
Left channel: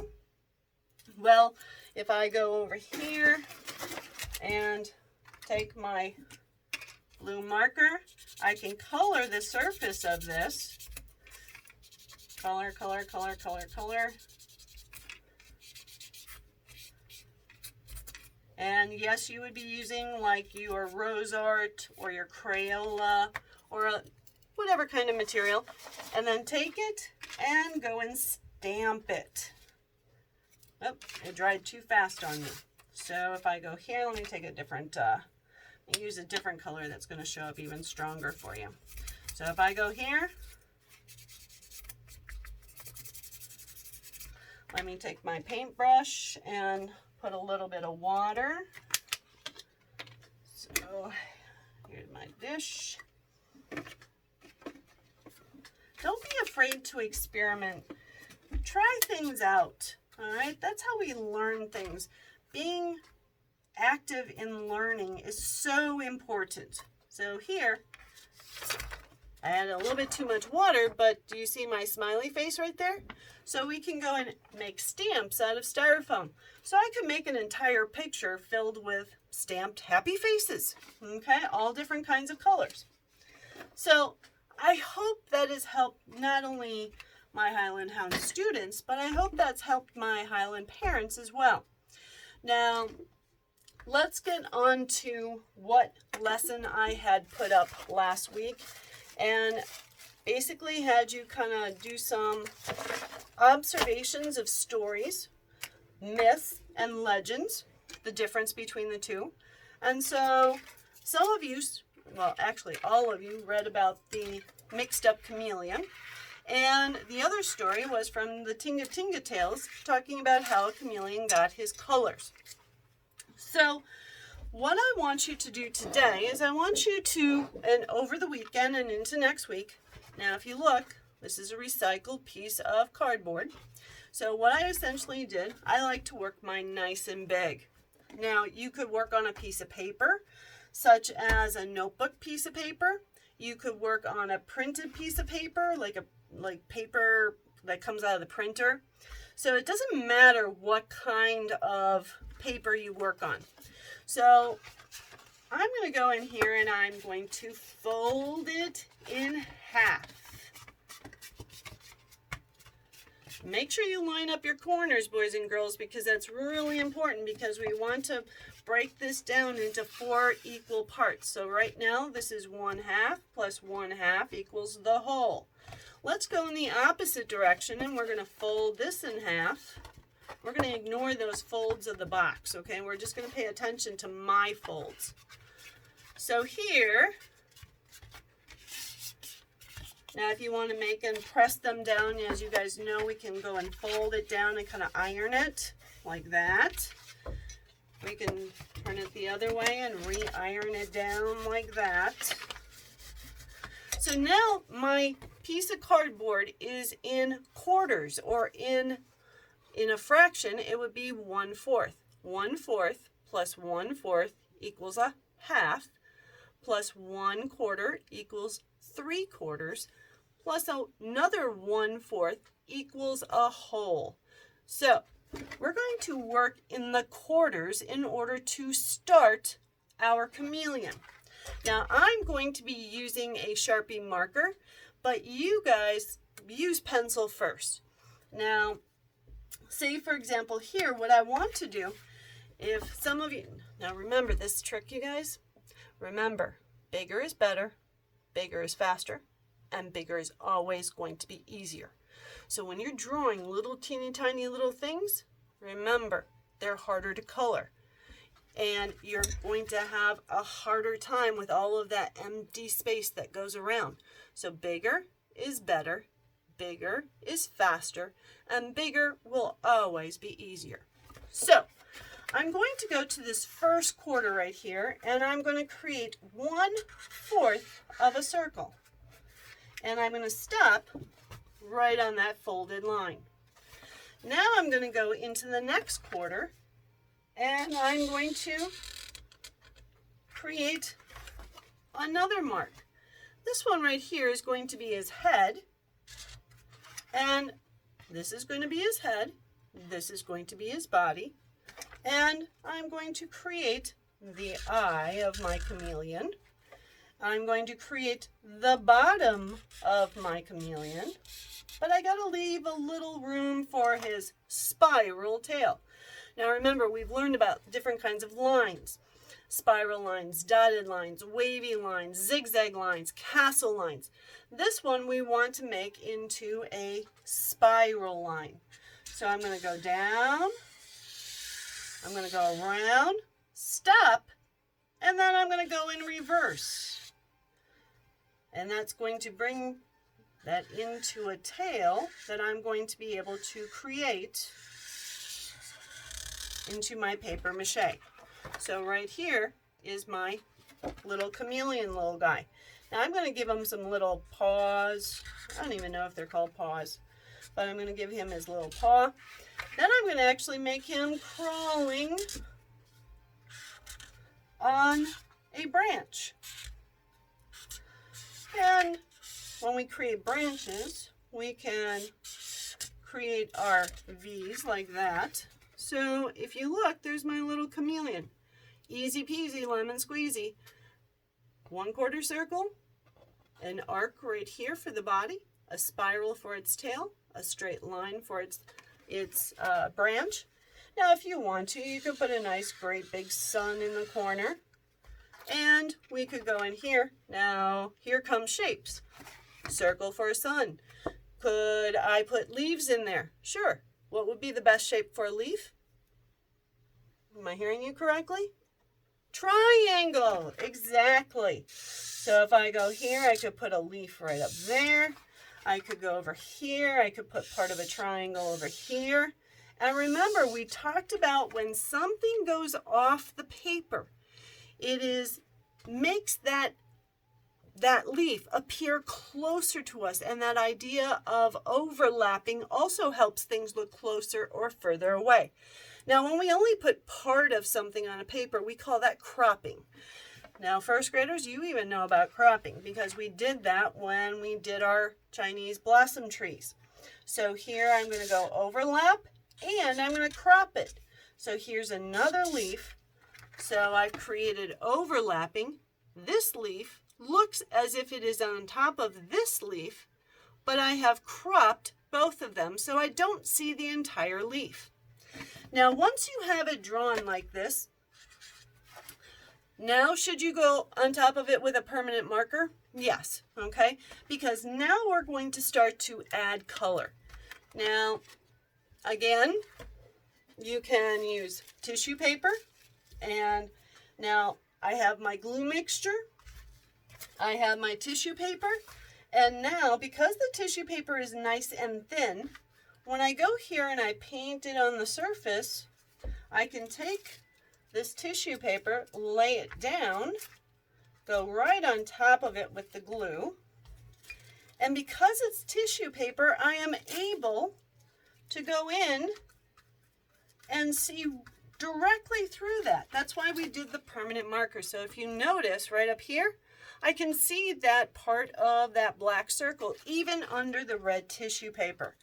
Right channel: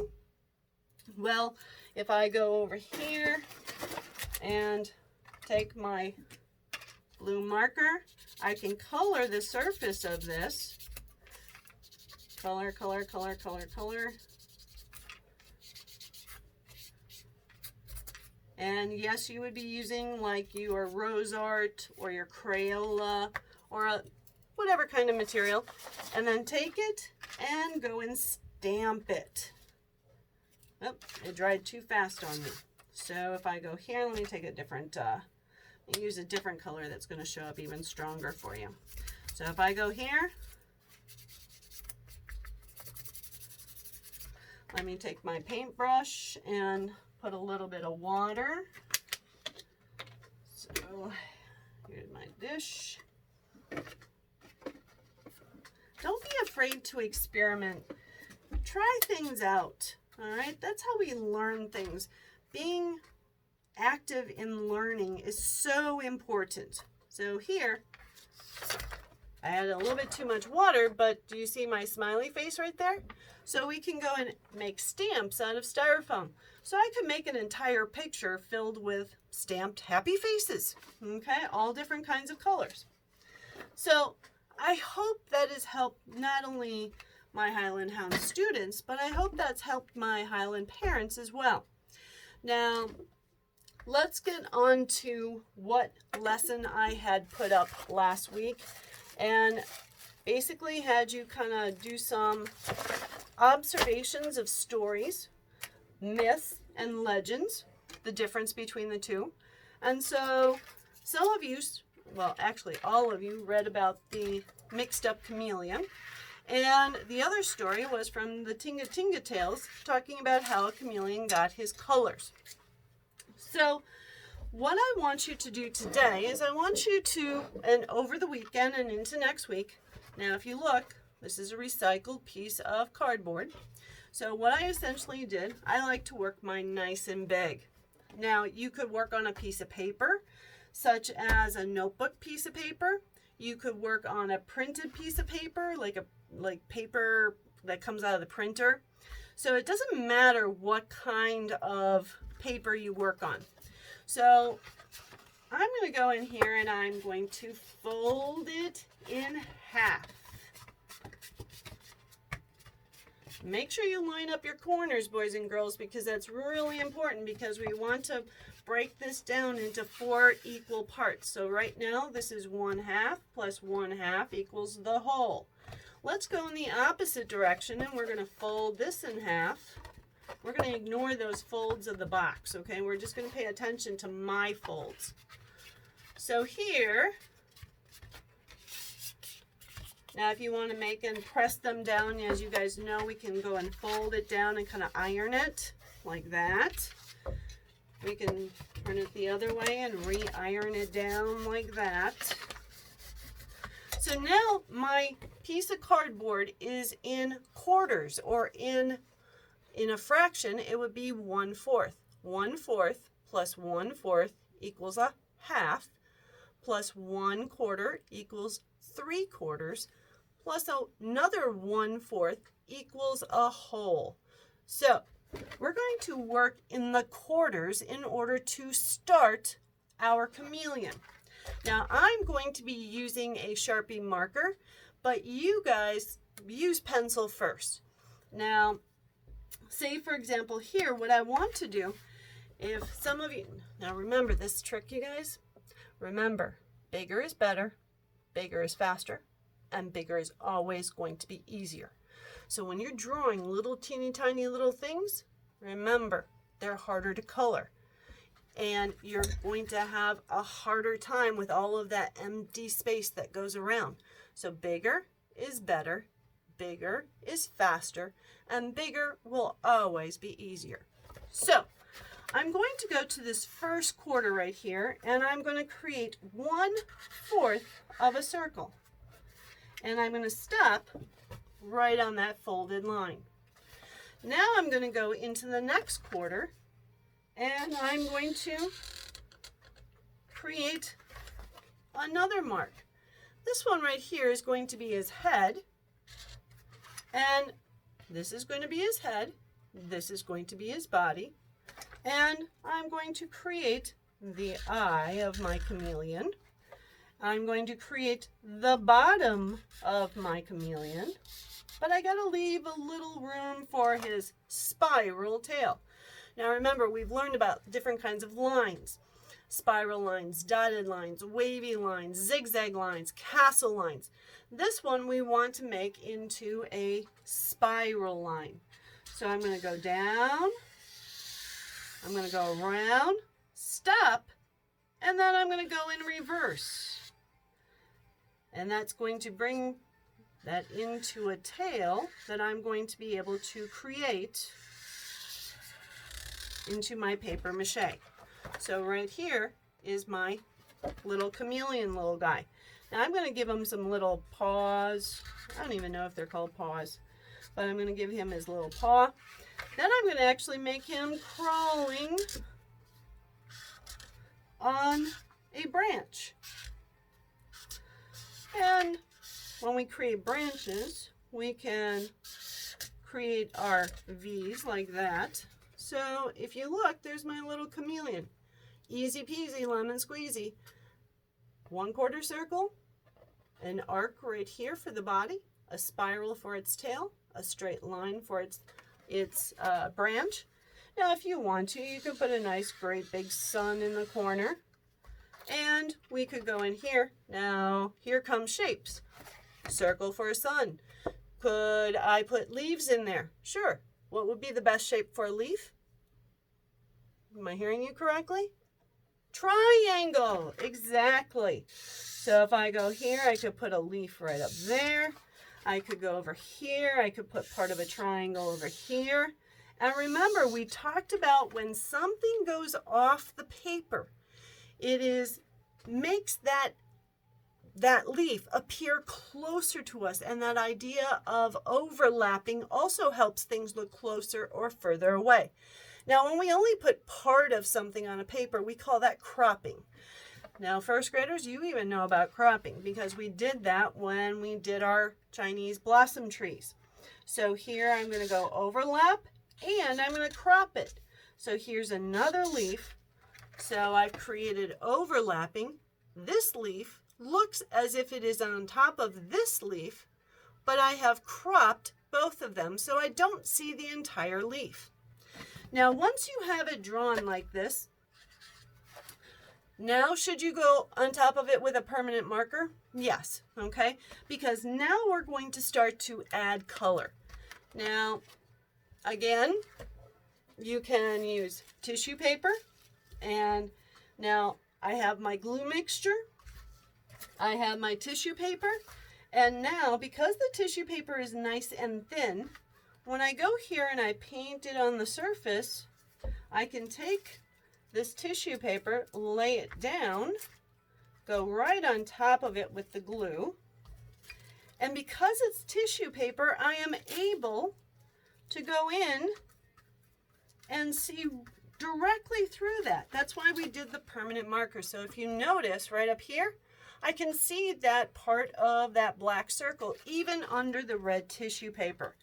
Well, if I go over here and take my blue marker, I can color the surface of this. Color, color, color, color, color. And yes, you would be using like your Rose Art or your Crayola or whatever kind of material. And then take it and go and stamp it. Oh, it dried too fast on me. So if I go here, let me take a different, use a different color that's going to show up even stronger for you. So if I go here, let me take my paintbrush and put a little bit of water. So here's my dish. Don't be afraid to experiment. Try things out. All right, that's how we learn things. Being active in learning is so important. So here, I added a little bit too much water, but do you see my smiley face right there? So we can go and make stamps out of styrofoam. So I can make an entire picture filled with stamped happy faces, okay? All different kinds of colors. So I hope that has helped not only my Highland Hound students, but I hope that's helped my Highland parents as well. Now, let's get on to what lesson I had put up last week, and basically had you kind of do some observations of stories, myths, and legends, the difference between the two. And so some of you, well, actually all of you, read about the mixed up chameleon. And the other story was from the Tinga Tinga Tales, talking about how a chameleon got his colors. So what I want you to do today is I want you to, and over the weekend and into next week, now if you look, this is a recycled piece of cardboard. So what I essentially did, I like to work mine nice and big. Now you could work on a piece of paper, such as a notebook piece of paper. You could work on a printed piece of paper, like paper that comes out of the printer. So it doesn't matter what kind of paper you work on. So I'm going to go in here and I'm going to fold it in half. Make sure you line up your corners, boys and girls, because that's really important, because we want to break this down into 4 equal parts. So right now, this is 1/2 plus 1/2 equals the whole. Let's go in the opposite direction, and we're going to fold this in half. We're going to ignore those folds of the box, okay? We're just going to pay attention to my folds. So here, now if you want to make and press them down, as you guys know, we can go and fold it down and kind of iron it like that. We can turn it the other way and re-iron it down like that. So now my piece of cardboard is in quarters, or in a fraction, it would be 1/4. 1/4 plus 1/4 equals a half, plus 1/4 equals 3/4, plus another 1/4 equals a whole. So we're going to work in the quarters in order to start our chameleon. Now I'm going to be using a Sharpie marker, but you guys use pencil first. Now, say for example here, what I want to do, if some of you, now remember this trick, you guys, remember, bigger is better, bigger is faster, and bigger is always going to be easier. So when you're drawing little teeny tiny little things, remember, they're harder to color. And you're going to have a harder time with all of that empty space that goes around. So bigger is better, bigger is faster, and bigger will always be easier. So I'm going to go to this first quarter right here, and I'm going to create 1/4 of a circle. And I'm going to stop right on that folded line. Now I'm going to go into the next quarter, and I'm going to create another mark. This one right here is going to be his head, and this is going to be his head, this is going to be his body, and I'm going to create the eye of my chameleon. I'm going to create the bottom of my chameleon, but I gotta leave a little room for his spiral tail. Now remember, we've learned about different kinds of lines. Spiral lines, dotted lines, wavy lines, zigzag lines, castle lines. This one we want to make into a spiral line. So I'm going to go down, I'm going to go around, stop, and then I'm going to go in reverse. And that's going to bring that into a tail that I'm going to be able to create into my paper mache. So right here is my little chameleon little guy. Now I'm going to give him some little paws. I don't even know if they're called paws, but I'm going to give him his little paw. Then I'm going to actually make him crawling on a branch. And when we create branches, we can create our V's like that. So if you look, there's my little chameleon. Easy peasy, lemon squeezy. 1/4 circle, an arc right here for the body, a spiral for its tail, a straight line for its branch. Now if you want to, you could put a nice great big sun in the corner. And we could go in here. Now here comes shapes. Circle for a sun. Could I put leaves in there? Sure. What would be the best shape for a leaf? Am I hearing you correctly? Triangle, exactly. So if I go here, I could put a leaf right up there. I could go over here. I could put part of a triangle over here. And remember, we talked about when something goes off the paper, it makes that leaf appear closer to us. And that idea of overlapping also helps things look closer or further away. Now, when we only put part of something on a paper, we call that cropping. Now, first graders, you even know about cropping because we did that when we did our Chinese blossom trees. So here I'm going to go overlap and I'm going to crop it. So here's another leaf. So I've created overlapping. This leaf looks as if it is on top of this leaf, but I have cropped both of them so I don't see the entire leaf. Now, once you have it drawn like this, now should you go on top of it with a permanent marker? Yes, okay? Because now we're going to start to add color. Now, again, you can use tissue paper. And now I have my glue mixture. I have my tissue paper. And now, because the tissue paper is nice and thin, when I go here and I paint it on the surface, I can take this tissue paper, lay it down, go right on top of it with the glue. And because it's tissue paper, I am able to go in and see directly through that. That's why we did the permanent marker. So if you notice right up here, I can see that part of that black circle, even under the red tissue paper.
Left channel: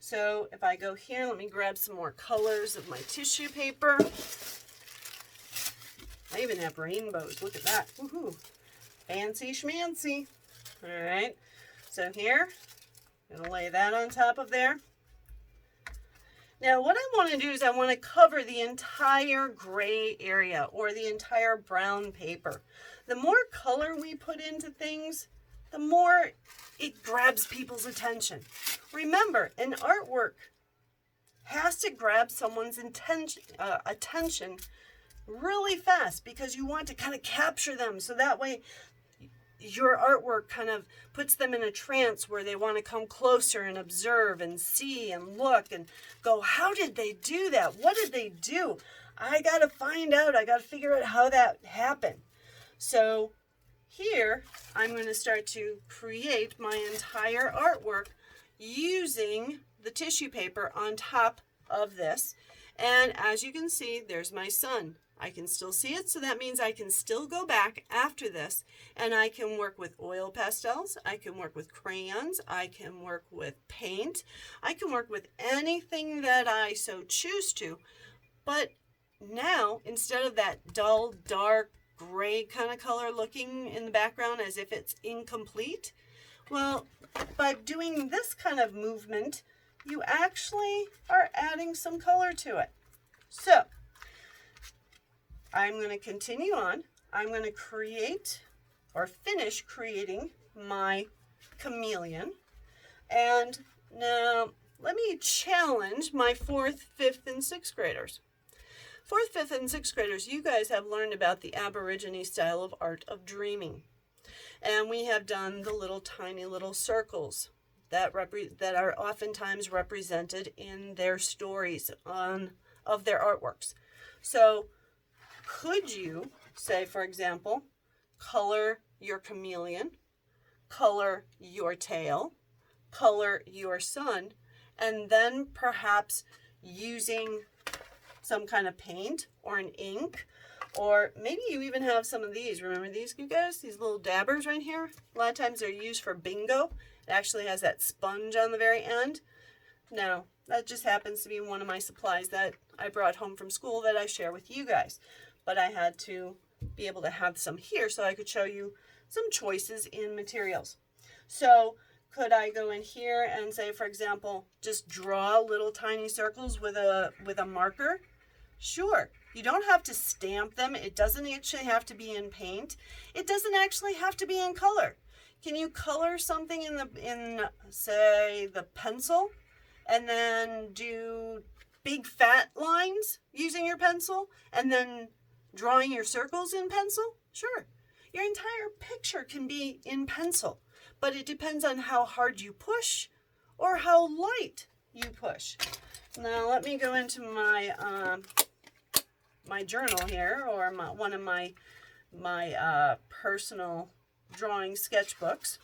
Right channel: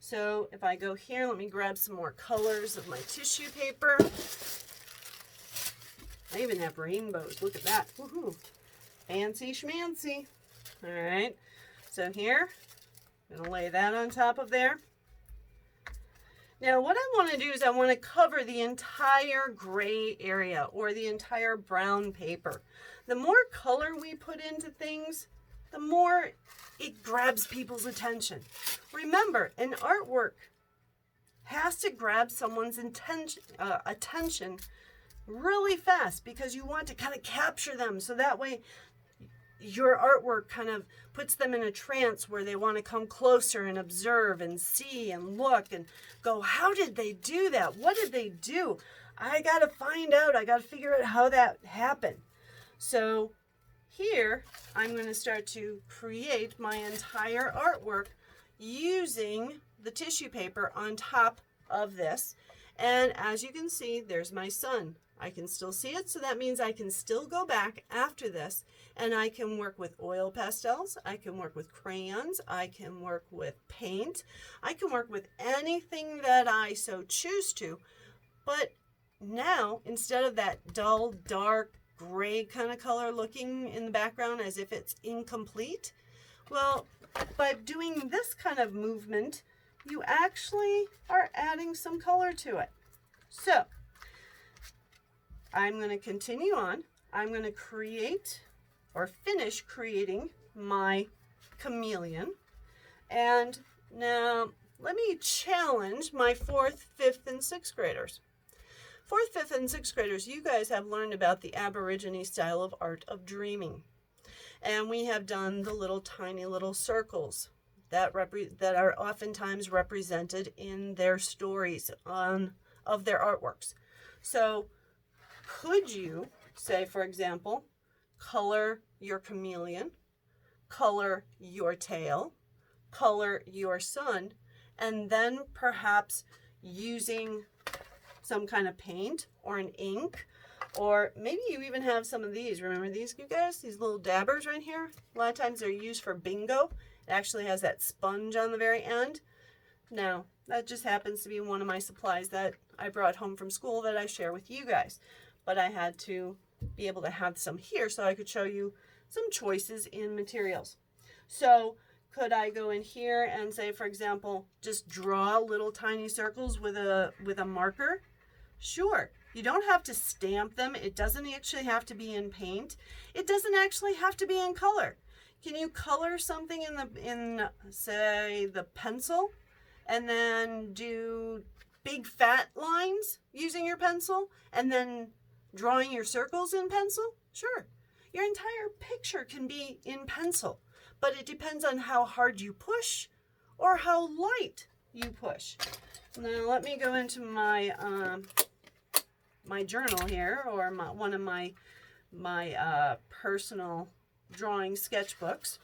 So if I go here, let me grab some more colors of my tissue paper. I even have rainbows. Look at that. Woohoo. Fancy schmancy. All right. So here, I'm going to lay that on top of there. Now what I want to do is I want to cover the entire gray area or the entire brown paper. The more color we put into things, the more it grabs people's attention. Remember, an artwork has to grab someone's attention really fast, because you want to kind of capture them, so that way your artwork kind of puts them in a trance where they want to come closer and observe and see and look and go, how did they do that? What did they do? I got to find out. I got to figure out how that happened. So here I'm going to start to create my entire artwork using the tissue paper on top of this. And as you can see, there's my sun. I can still see it, so that means I can still go back after this and I can work with oil pastels, I can work with crayons, I can work with paint, I can work with anything that I so choose to. But now, instead of that dull, dark, gray kind of color looking in the background as if it's incomplete, well, by doing this kind of movement, you actually are adding some color to it. So I'm going to continue on. I'm going to create or finish creating my chameleon. And now let me challenge my 4th, 5th, and 6th graders. 4th, 5th, and 6th graders, you guys have learned about the Aborigine style of art of dreaming. And we have done the little tiny little circles that are oftentimes represented in their stories of their artworks. So could you say, for example, color your chameleon, color your tail, color your sun, and then perhaps using some kind of paint or an ink, or maybe you even have some of these. Remember these, you guys? These little dabbers right here? A lot of times they're used for bingo. It actually has that sponge on the very end. Now, that just happens to be one of my supplies that I brought home from school that I share with you guys. But I had to be able to have some here so I could show you some choices in materials. So could I go in here and say, for example, just draw little tiny circles with a marker? Sure. You don't have to stamp them. It doesn't actually have to be in paint. It doesn't actually have to be in color. Can you color something in say the pencil and then do big fat lines using your pencil and then drawing your circles in pencil? Sure. Your entire picture can be in pencil, but it depends on how hard you push or how light you push. Now let me go into my my journal here, or one of my personal drawing sketchbooks,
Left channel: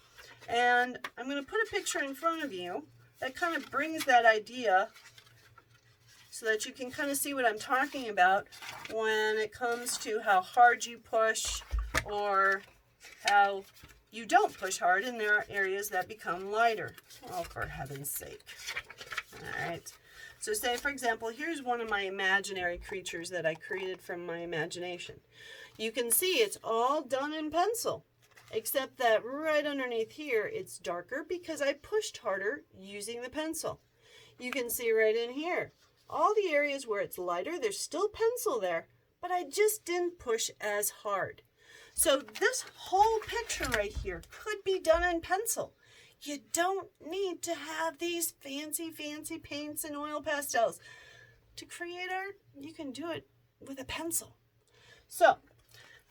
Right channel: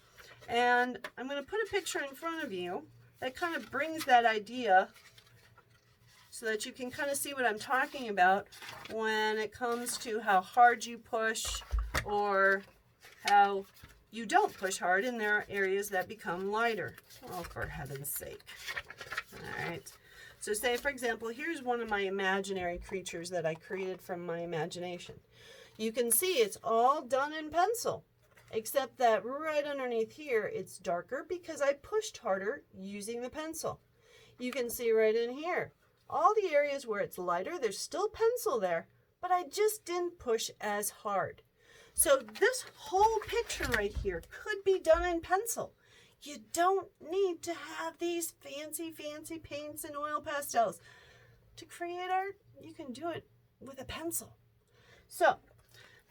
and I'm going to put a picture in front of you that kind of brings that idea so that you can kind of see what I'm talking about when it comes to how hard you push or how you don't push hard, and there are areas that become lighter. Oh, for heaven's sake. All right. So say, for example, here's one of my imaginary creatures that I created from my imagination. You can see it's all done in pencil, except that right underneath here, it's darker because I pushed harder using the pencil. You can see right in here, all the areas where it's lighter, there's still pencil there, but I just didn't push as hard. So this whole picture right here could be done in pencil. You don't need to have these fancy paints and oil pastels. To create art, you can do it with a pencil. So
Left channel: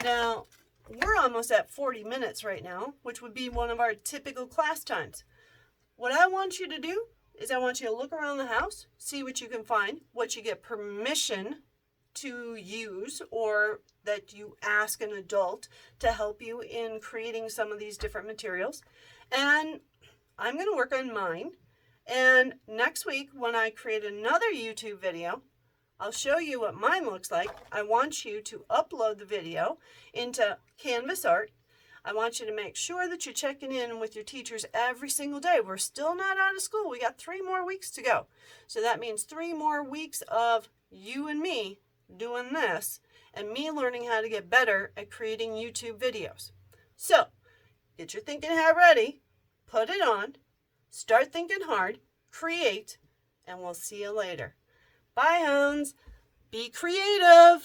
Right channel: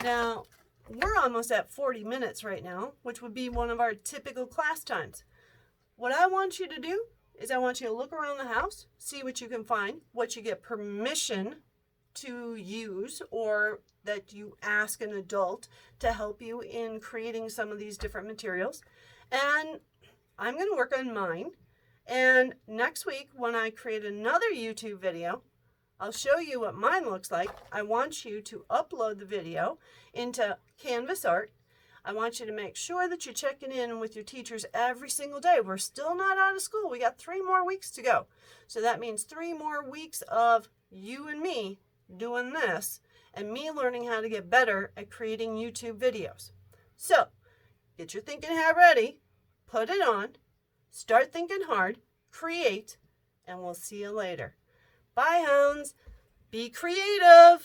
now we're almost at 40 minutes right now, which would be one of our typical class times. What I want you to do is I want you to look around the house, see what you can find, what you get permission to use, or that you ask an adult to help you in creating some of these different materials. And I'm going to work on mine. And next week, when I create another YouTube video, I'll show you what mine looks like. I want you to upload the video into Canvas Art. I want you to make sure that you're checking in with your teachers every single day. We're still not out of school. We got 3 more weeks to go. So that means 3 more weeks of you and me doing this and me learning how to get better at creating YouTube videos. So get your thinking hat ready, put it on, start thinking hard, create, and we'll see you later. Bye, hounds. Be creative.